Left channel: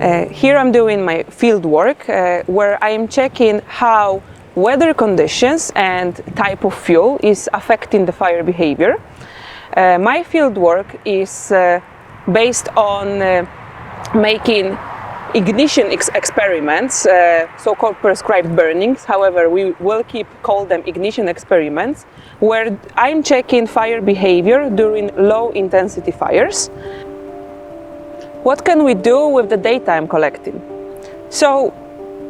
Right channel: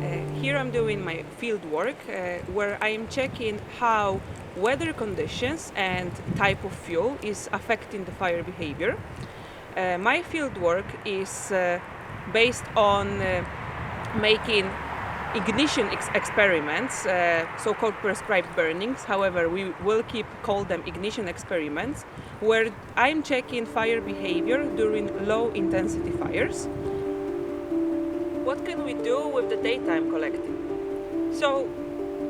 Here I'm doing my field work where I am checking how weather conditions and type of fuel is affecting the fire behavior. My field work is based on making ignition experiments, so-called prescribed burnings. However, we will call them ignition experiments, where I'm checking fire behavior during low-intensity fires. What can we do with the data I'm collecting? So,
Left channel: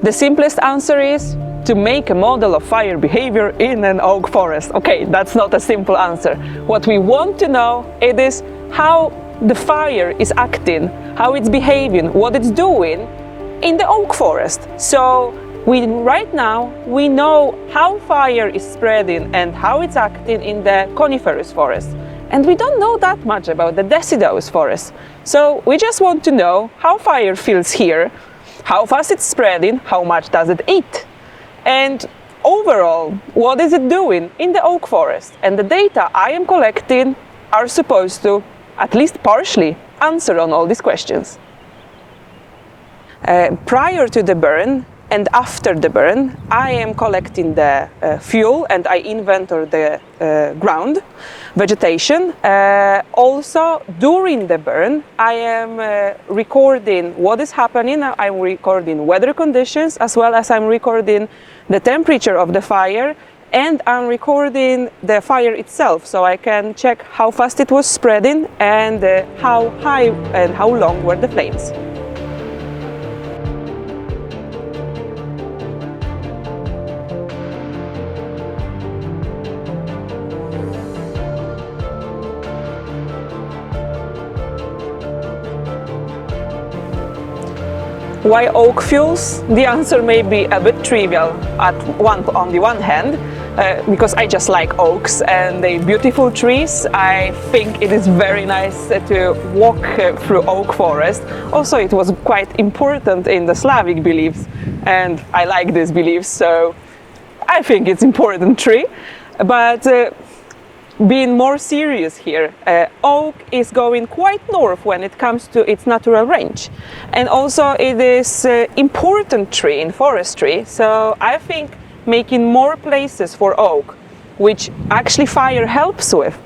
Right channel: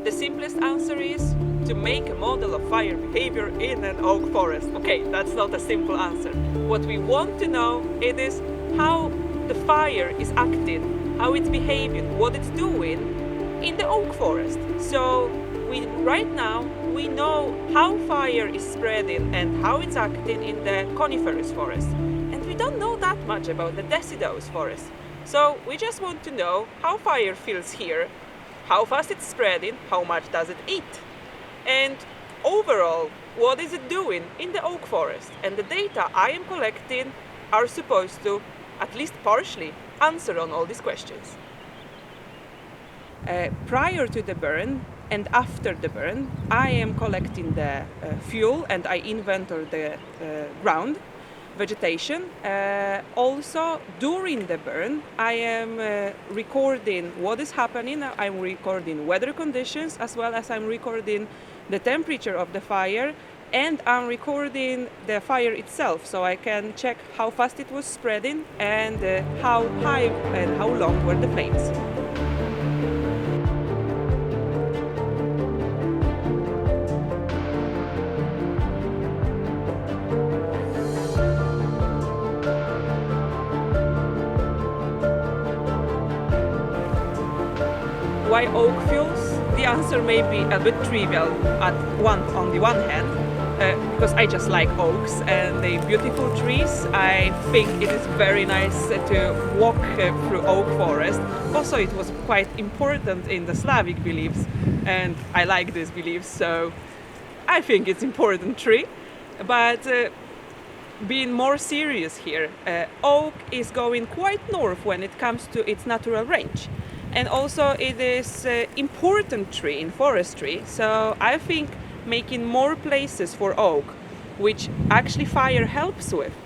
the simplest answer is to make a model of fire behavior in an oak forest. Okay, that's not a simple answer. What we want to know is how the fire is acting, how it's behaving, what it's doing in the oak forest. So right now we know how fire is spreading and how it's acting in the coniferous forest. And we don't know that much about the deciduous forest. So we just want to know how fire feels here, how fast it's spreading, how much does it eat, and overall, what is it doing in the oak forest? And the data I am collecting are supposed to at least partially answer on all these questions. Prior to the burn and after the burn, I am collecting the fuel and I inventory the ground, vegetation. Also, during the burn, I am recording what is happening. I'm recording weather conditions as well as I'm recording the temperature of the fire, and I'm recording the fire itself, so I can check how fast it was spreading and how high and how long were the flames. Why oak fuels? The answer may be a bit trivial on the one hand, because I just like oaks and they're beautiful trees. I think it is very nice to walk through oak forest. Also, it was quite important in the Slavic beliefs, and I like these beliefs, so I think it's important tree. But being more serious here, oak is going quite north when it comes to its natural range. And also it is important tree in forestry, so I think making more places for oak, which actually fire helps with,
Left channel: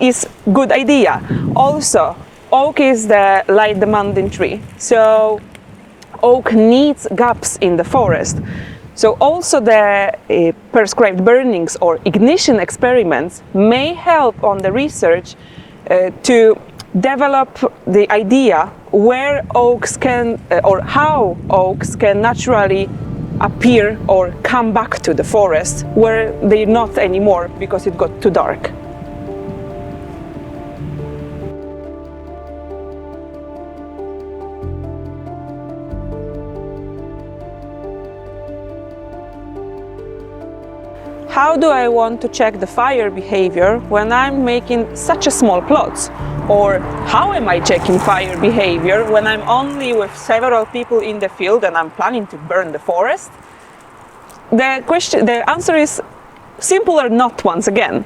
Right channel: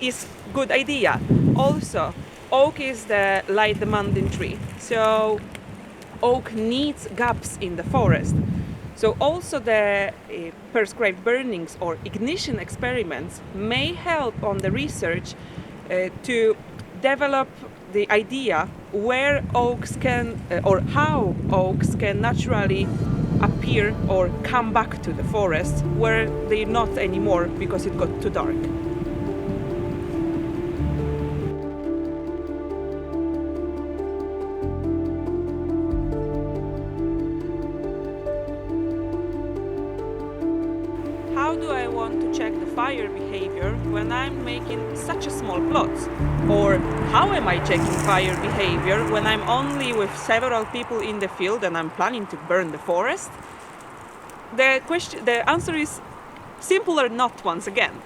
is good idea. Also, oak is the light demanding tree, so oak needs gaps in the forest. So also the prescribed burnings or ignition experiments may help on the research to develop the idea where oaks can or how oaks can naturally appear or come back to the forest where they're not anymore because it got too dark. How do I want to check the fire behavior when I'm making such a small plots? Or how am I checking fire behavior when I'm only with several people in the field and I'm planning to burn the forest? The answer is simple or not once again.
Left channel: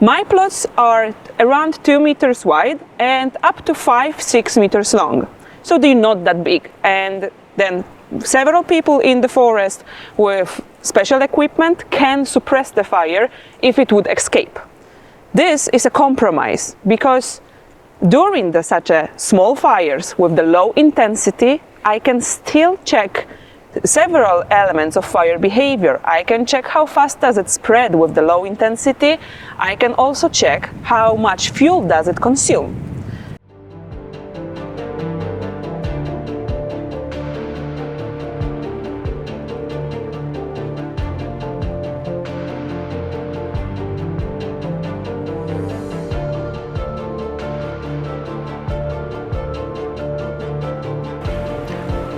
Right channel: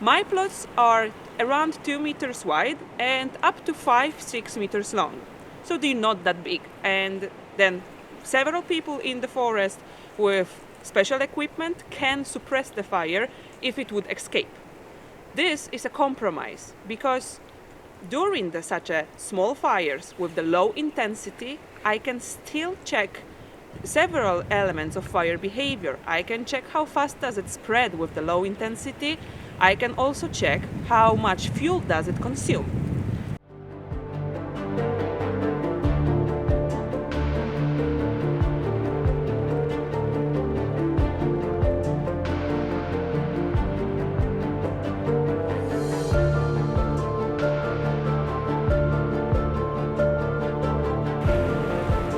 My plots are around 2 meters wide and up to 5-6 meters long. So they're not that big. And then several people in the forest with special equipment can suppress the fire if it would escape. This is a compromise because during such a small fires with the low intensity, I can still check several elements of fire behavior. I can check how fast does it spread with the low intensity. I can also check how much fuel does it consume.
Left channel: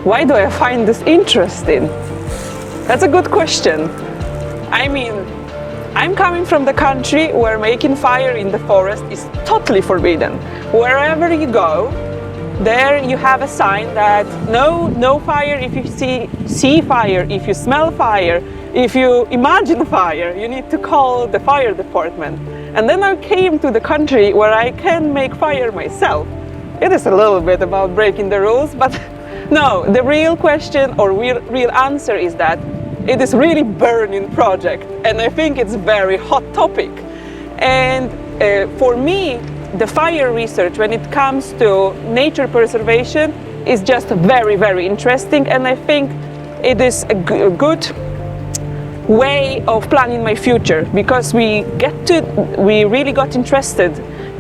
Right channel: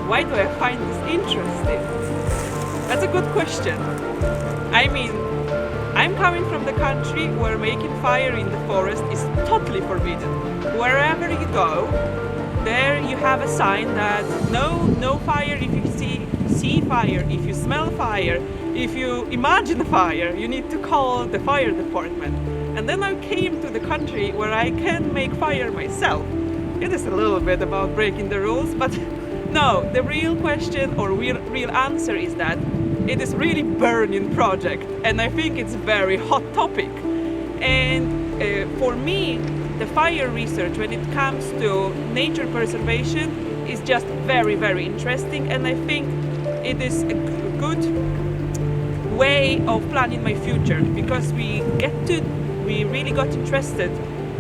Why do I find this interesting? That's a good question. I mean, I'm coming from the country where making fire in the forest is totally forbidden. Wherever you go, there you have a sign that no fire if you see fire, if you smell fire, if you imagine fire, you need to call the fire department. And then I came to the country where I can make fire myself. it is a little bit about breaking the rules, but no, the real question or real answer is that it is really burning project, and I think it's a very hot topic. And for me, the fire research when it comes to nature preservation is just very, very interesting, and I think it is a good way of planning my future, because we really got interested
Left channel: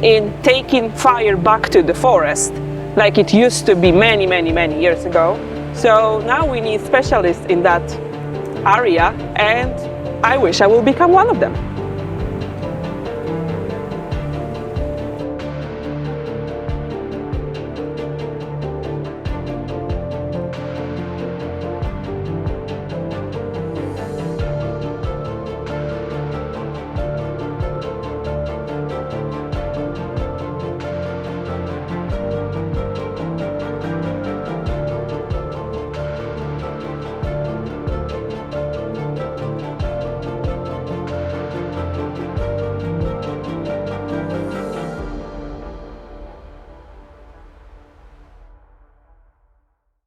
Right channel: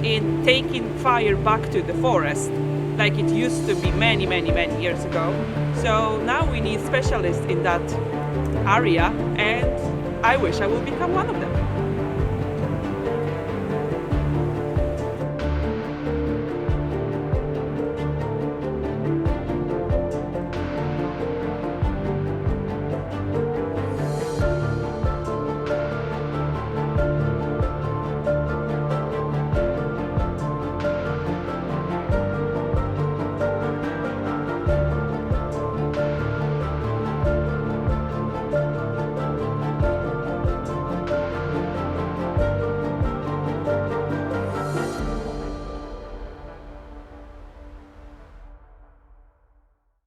in taking fire back to the forest like it used to be many, many, many years ago. So now we need specialists in that area, and I wish I will become one of them.